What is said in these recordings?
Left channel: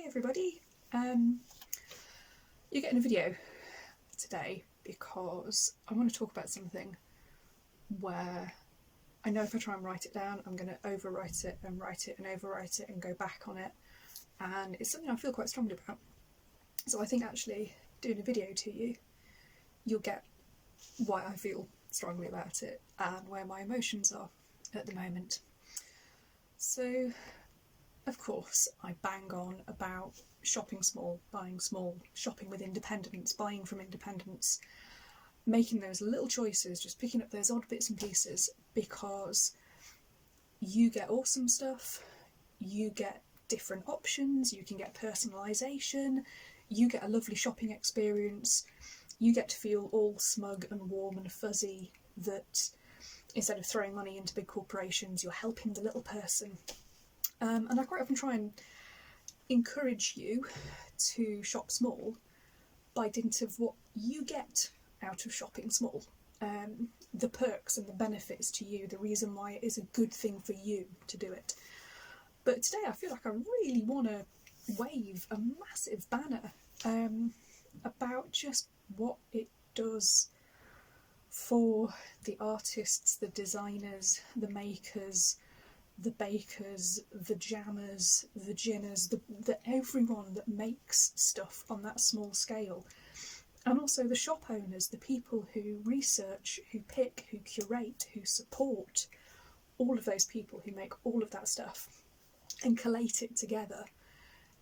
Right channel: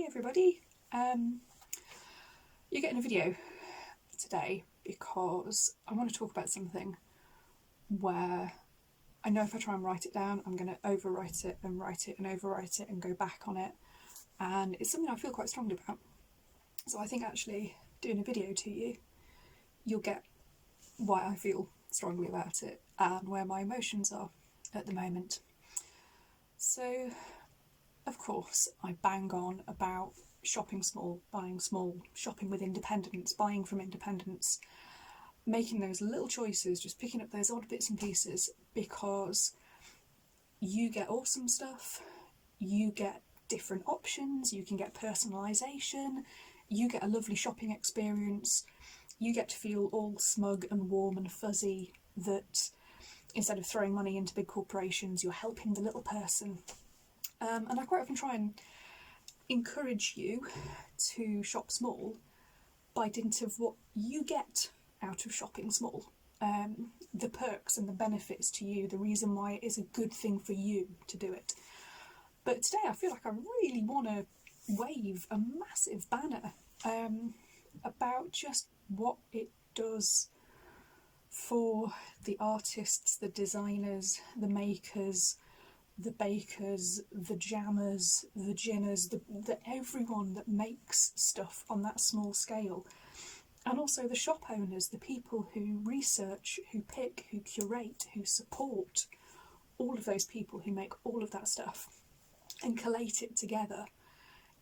Hey everybody, you're getting a video today because I want to talk about something where I know if I try and write it down I'm going to overwrite it and write it and overwrite it and go back on it, and it's something I feel quite strongly about. So I think actually doing a video to you, you'll get why I feel strongly about it and where my emotions are at the moment. So of course, I bang on about shopping small, buying small, shopping with independence, buying from independence, making those little choices, just picking up those odd bits and pieces, because you get awesome stuff, you get different options, you can get personalisation, you get a lovely shopping experience, you get to feel all smug and warm and fuzzy that instead of throwing money into big corporations, you're helping the little person. And I quite often try and encourage you to shop small by dint of what you get out of shopping small. The perks and the benefits to you, the reason why it is a good thing for you to do it. But today I feel like I really want to wave a massive banner about just what it does for the artists, the designers, the makers, the bakers, the jammers, the ginners, the everyone that makes stuff on that small scale. And also the shop owners, the people who research, who pick, who curate, who support, all of those people who make all of that stuff and collate it together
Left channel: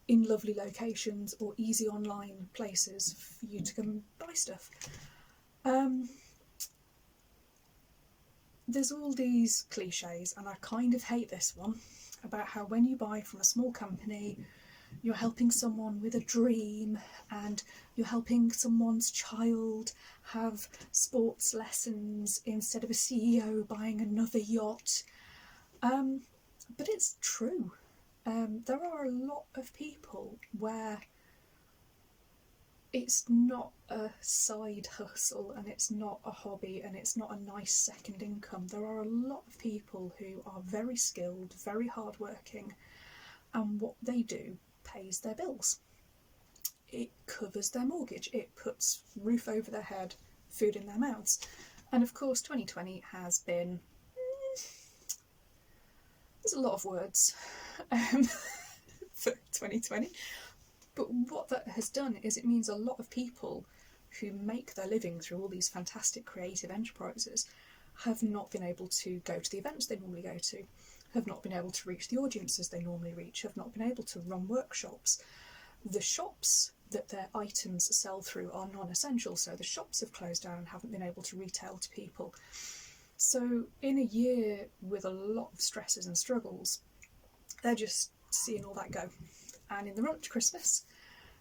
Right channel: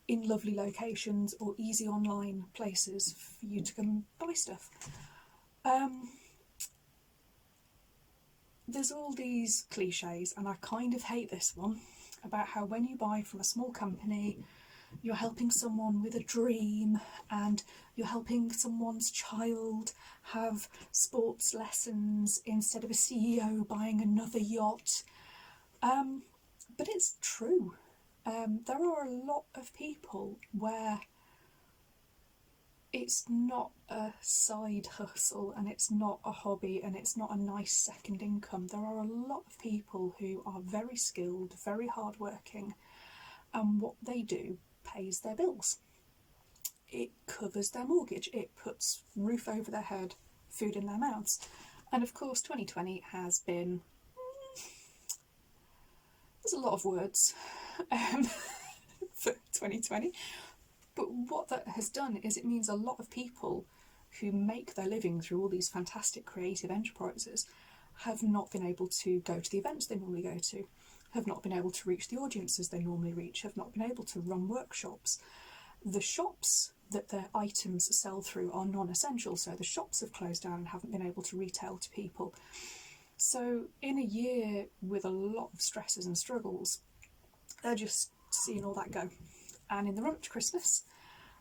in lovely locations or easy online places for you to come buy stuff. There's all these cliches, and I kind of hate this one, about how when you buy from a small company, you're helping someone with a dream and you're helping someone's child have sports lessons instead of a CEO buying another yacht. But it's true. There are a lot of people where it's not a side hustle and it's not a hobby and it's not a nice second income. There are a lot of people who are very skilled, very hardworking, and what they do pays their bills. It covers their mortgage, it puts roof over their head, food in their mouths. And of course 2020 has been... there's a lot of words for 2020. But what that has done is it means a lot of people who make their living through all these fantastic creative enterprises have not been able to go to the events they normally go to, have not been able to reach the audiences they normally reach, have not been able to run workshops. The shops that their items sell through are non-essential, so the shops have closed down and haven't been able to retail to people. So in a year with a lot of stresses and struggles, they're just seeing all that go. And in the run up to Christmas,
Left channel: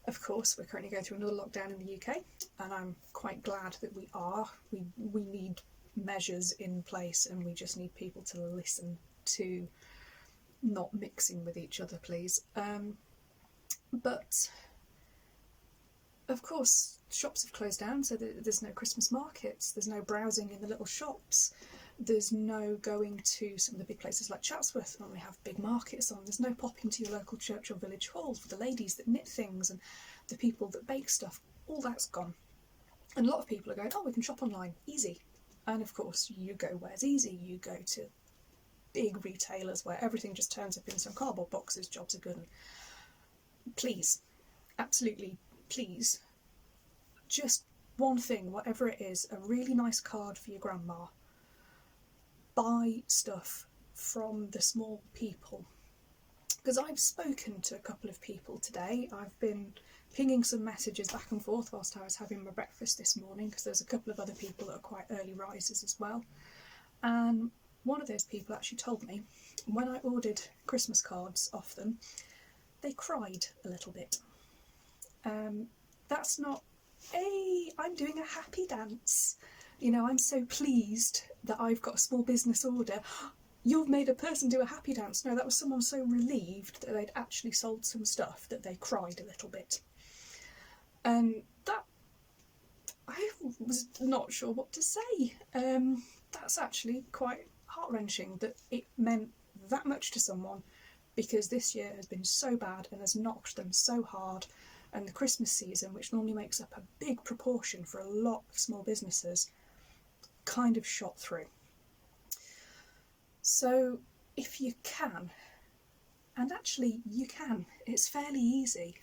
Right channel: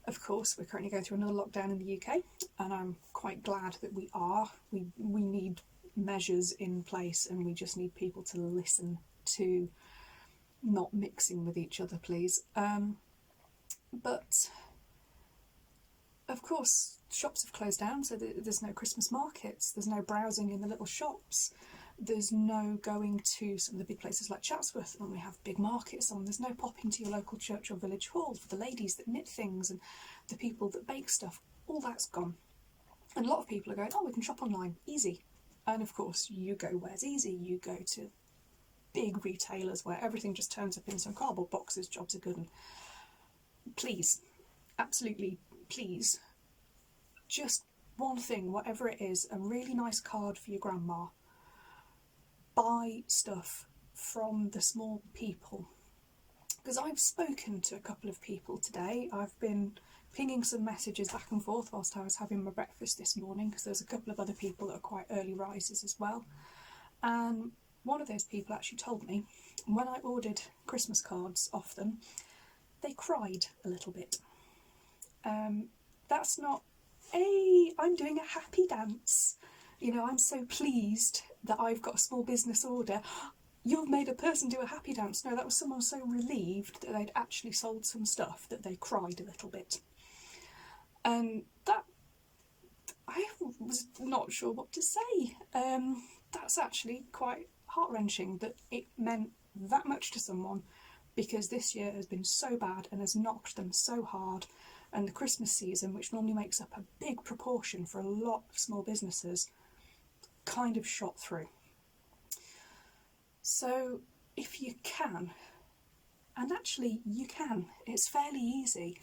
of course, we're currently going through another lockdown in the UK, and I'm quite glad that we are. We need measures in place, and we just need people to listen to not mixing with each other, please. But of course, shops have closed down, so there's no Christmas markets, there's no browsing in the little shops. There's no going to some of the big places like Chatsworth when we have big markets on. There's no popping to your local church or village hall for the ladies that knit things and the people that bake stuff. All that's gone. And a lot of people are going, oh, we can shop online, easy. And of course, you go where's easy. You go to big retailers where everything just turns up in some cardboard boxes, jobs are good. And please, absolutely please, just one thing, whatever it is, a really nice card for your grandma. Buy stuff from the small people, because I've spoken to a couple of people today. I've been pinging some messages back and forth whilst I was having my breakfast this morning, because there's a couple of other people that are quite early risers as well, and one of those people actually told me when I ordered Christmas cards off them, they cried a little bit. That's not I'm doing a happy dance, you know, I'm so pleased that I've got a small business order. You've made a person do a happy dance. No, that was someone so relieved that they'd actually sold some stuff that they cried a little bit. And that, I was not sure what to say. That's actually quite heart-wrenching that it meant that much to someone because this year has been so bad and has knocked them so hard, and the Christmas season, which normally makes up a big proportion for a lot of small businesses, kind of shot through. So if you can, and actually you can, it's fairly easy,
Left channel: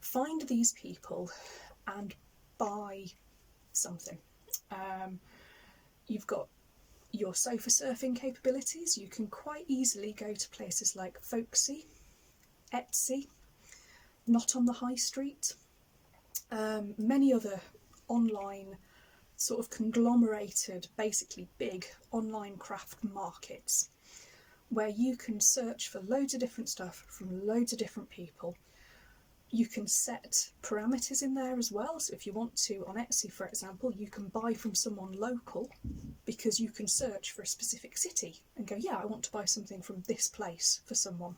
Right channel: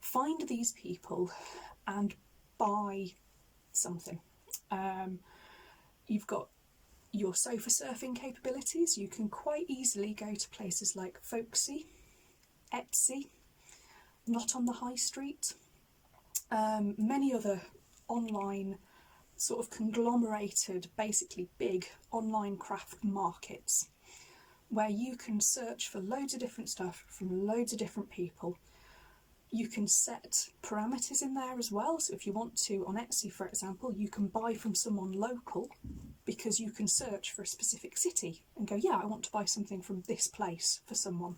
find these people and buy something. You've got your sofa surfing capabilities. You can quite easily go to places like Folksy, Etsy, Not on the High Street, many other online sort of conglomerated, basically big online craft markets, where you can search for loads of different stuff from loads of different people. You can set parameters in there as well. So if you want to, on Etsy, for example, you can buy from someone local, because you can search for a specific city and go, yeah, I want to buy something from this place for someone.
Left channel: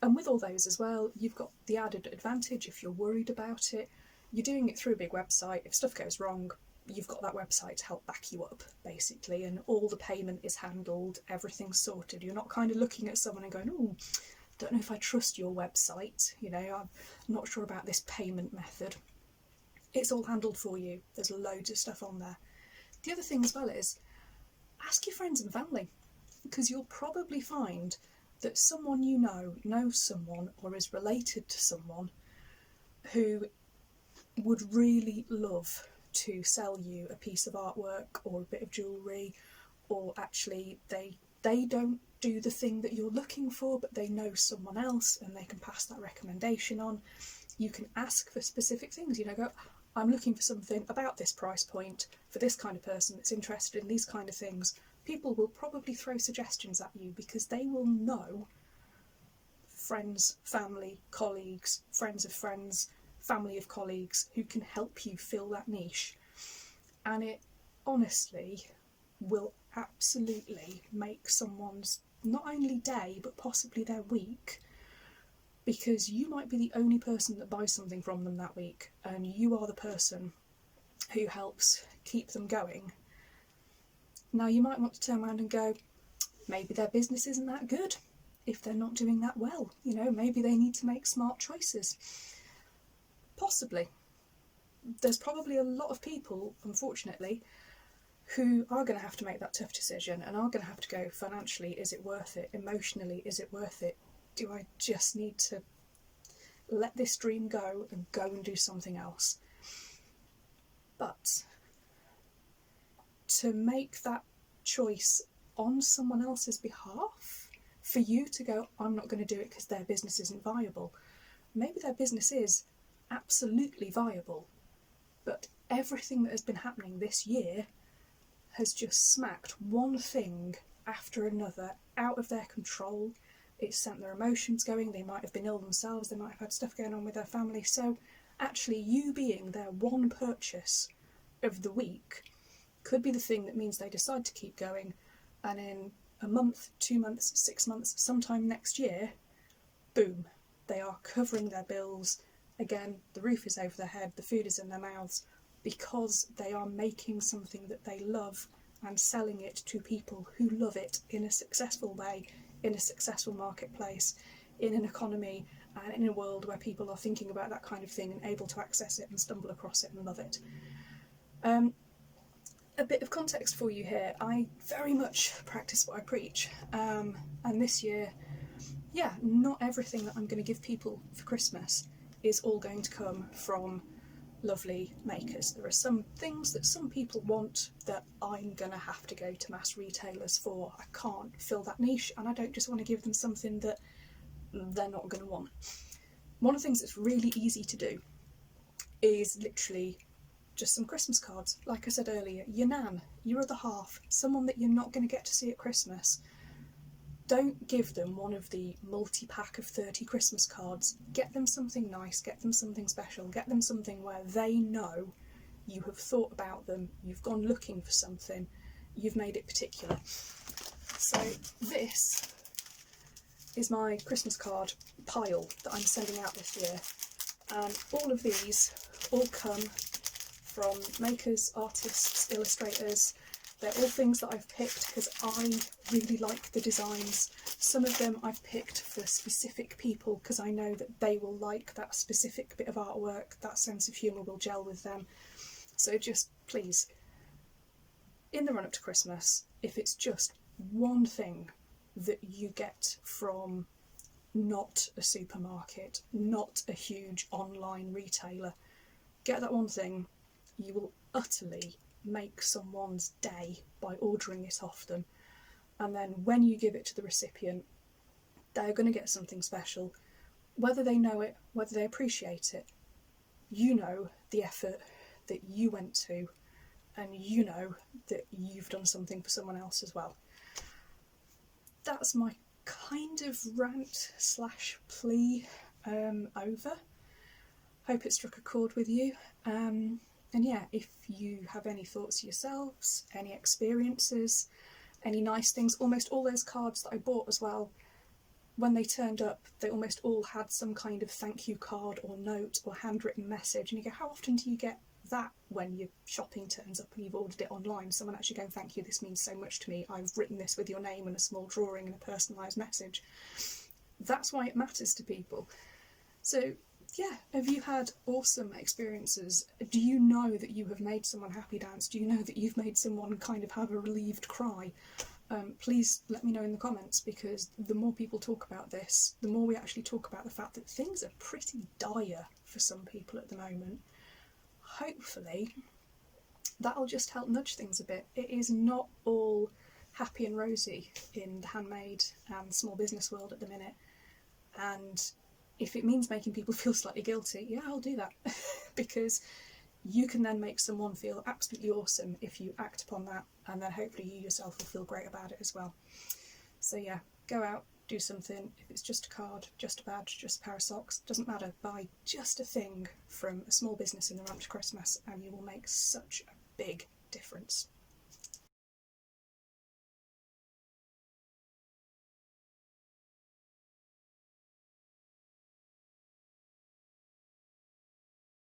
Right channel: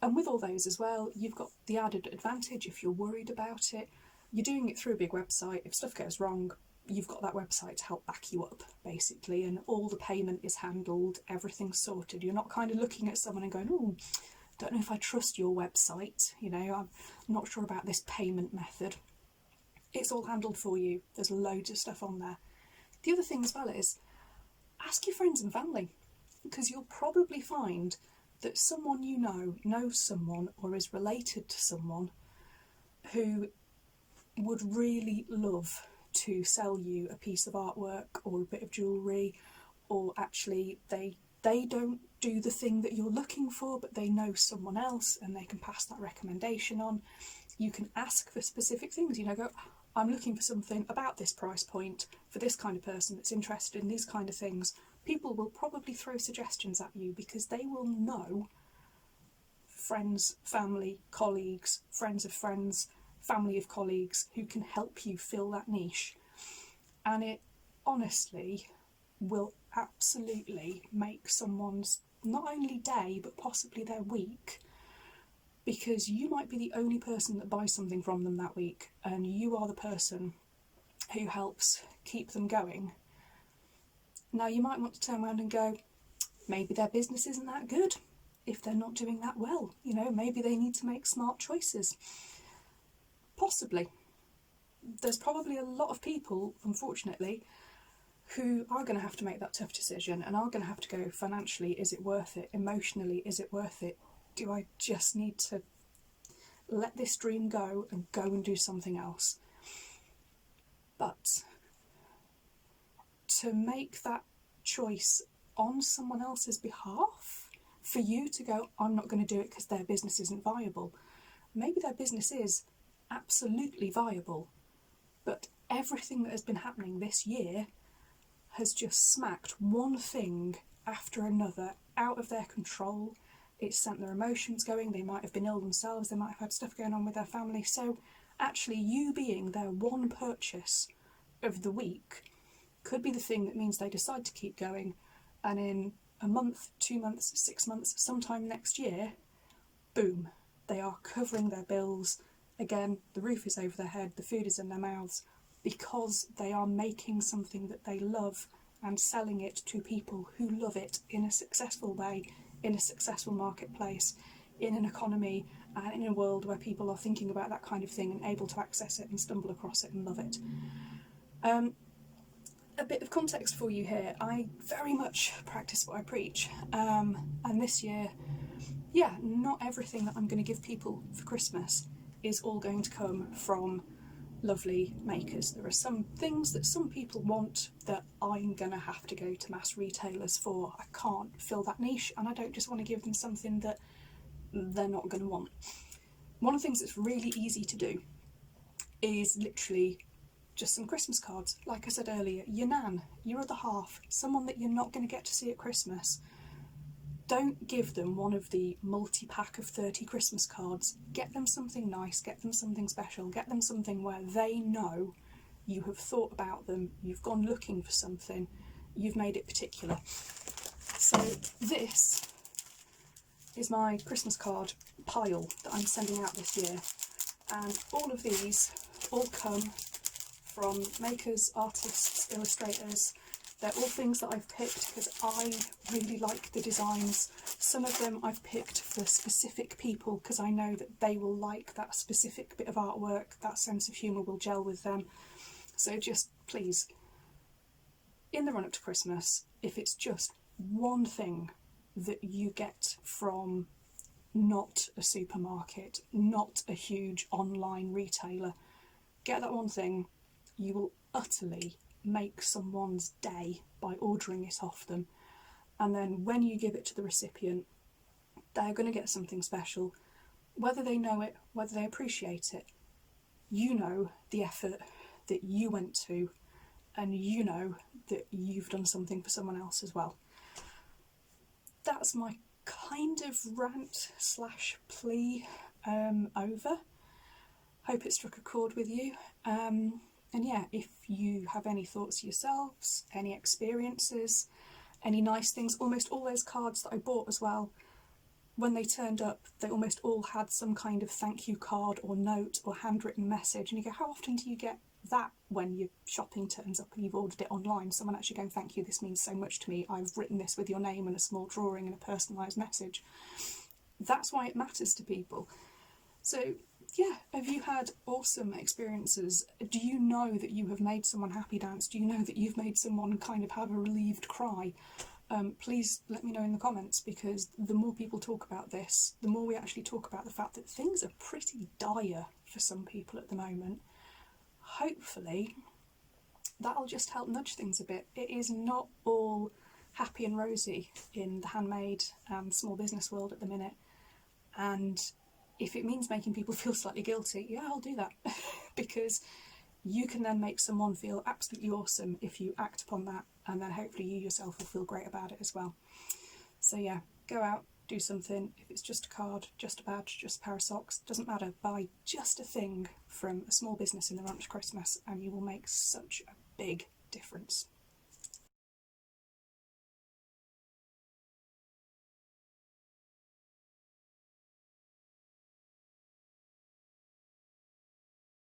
And with all those as well, you've got the added advantage, if you're worried about it, you're doing it through a big website. If stuff goes wrong, you've got that website to help back you up, basically, and all the payment is handled, everything's sorted. You're not kind of looking at someone and going, oh, don't know if I trust your website, you know, I'm not sure about this payment method. It's all handled for you. There's loads of stuff on there. The other thing as well is, ask your friends and family, because you'll probably find that someone you know knows someone or is related to someone who would really love to sell you a piece of artwork or a bit of jewellery, or actually they don't do the thing that you're looking for, but they know someone else and they can pass that recommendation on. You can ask for specific things, you know, go, I'm looking for something about this price point for this kind of person that's interested in these kind of things. People will probably throw suggestions at you because they will know friends, family, colleagues, friends of friends, family of colleagues who can help you fill that niche. And it honestly will absolutely make someone's not only day but possibly their week, because you might be the only person that buys something from them that week, and you are the person who helps keep them going. Now you might want to turn around and go, maybe their business isn't that good if they're not doing that well, you know, maybe they need to make smart choices. Possibly. There's probably a lot of people, unfortunately, who are going to have to make that tough decision and are going to have to go, financially, is it worth it? Emotionally, is it worth it? Do I just need to let this dream go and do something else? But to make that choice on someone else's behalf, for you to go, I'm not going to do it because their business isn't viable. Maybe their business is absolutely viable, but everything that has been happening this year has just smacked one thing after another out of their control. It's sent their emotions going. They might have been ill themselves. They might have had stuff going on with their family. So actually you being their one purchase of the week could be the thing that means they decide to keep going, and in a month, 2 months, 6 months, sometime next year, boom, they are covering their bills. Again, the roof is over their head, the food is in their mouths, because they are making something that they love and selling it to people who love it in a successful way, in a successful marketplace, in an economy and in a world where people are thinking about that kind of thing and able to access it and stumble across it and love it. A bit of context for you here. I very much practice what I preach, and this year, yeah, not everything that I'm going to give people for Christmas is all going to come from lovely makers. There are some things that some people want that I'm going to have to go to mass retailers for. I can't fill that niche, and I don't just want to give them something that they're not going to want. One of the things that's really easy to do is literally just some Christmas cards. Like I said earlier, your nan, your other half, someone that you're not going to get to see at Christmas. Don't give them one of the multi-pack of 30 Christmas cards. Get them something nice, get them something special, get them something where they know you have thought about them, you've gone looking for something, you've made it particular. So this is my Christmas card pile that I'm sending out this year, and all of these all come from makers, artists, illustrators. They're all things that I've picked because I really like the designs Some of them I've picked for specific people because I know that they will like that specific bit of artwork, that sense of humour will gel with them. So just please, in the run up to Christmas, if it's just one thing that you get from not a supermarket, not a huge online retailer, get that one thing. You will utterly make someone's day by ordering it off them. And then when you give it to the recipient, they're going to get something special. Whether they know it, whether they appreciate it, you know the effort that you went to, and you know that you've done something for someone else as well. That's my kind of rant / plea over. Hope it struck a chord with you. And yeah, if you have any thoughts yourselves, any experiences, any nice things, almost all those cards that I bought as well, when they turned up, they almost all had some kind of thank you card or note or handwritten message. And you go, how often do you get that when your shopping turns up and you've ordered it online? Someone actually going, thank you, this means so much to me. I've written this with your name and a small drawing and a personalised message. That's why it matters to people. So yeah, have you had awesome experiences? Do you know that you have made someone happy dance? Do you know that you've made someone kind of have a relieved cry? Please let me know in the comments, because the more people talk about this, the more we actually talk about the fact that things are pretty dire for some people at the moment. Hopefully that'll just help nudge things a bit. It is not all happy and rosy in the handmade and small business world at the minute, and if it means making people feel slightly guilty, yeah, I'll do that. Because you can then make someone feel absolutely awesome if you act upon that, and then hopefully you yourself will feel great about it as well. So yeah, go out, do something. If it's just a card, just a badge, just a pair of socks, doesn't matter, buy just a thing from a small business in the run up to Christmas and you will make such a big difference.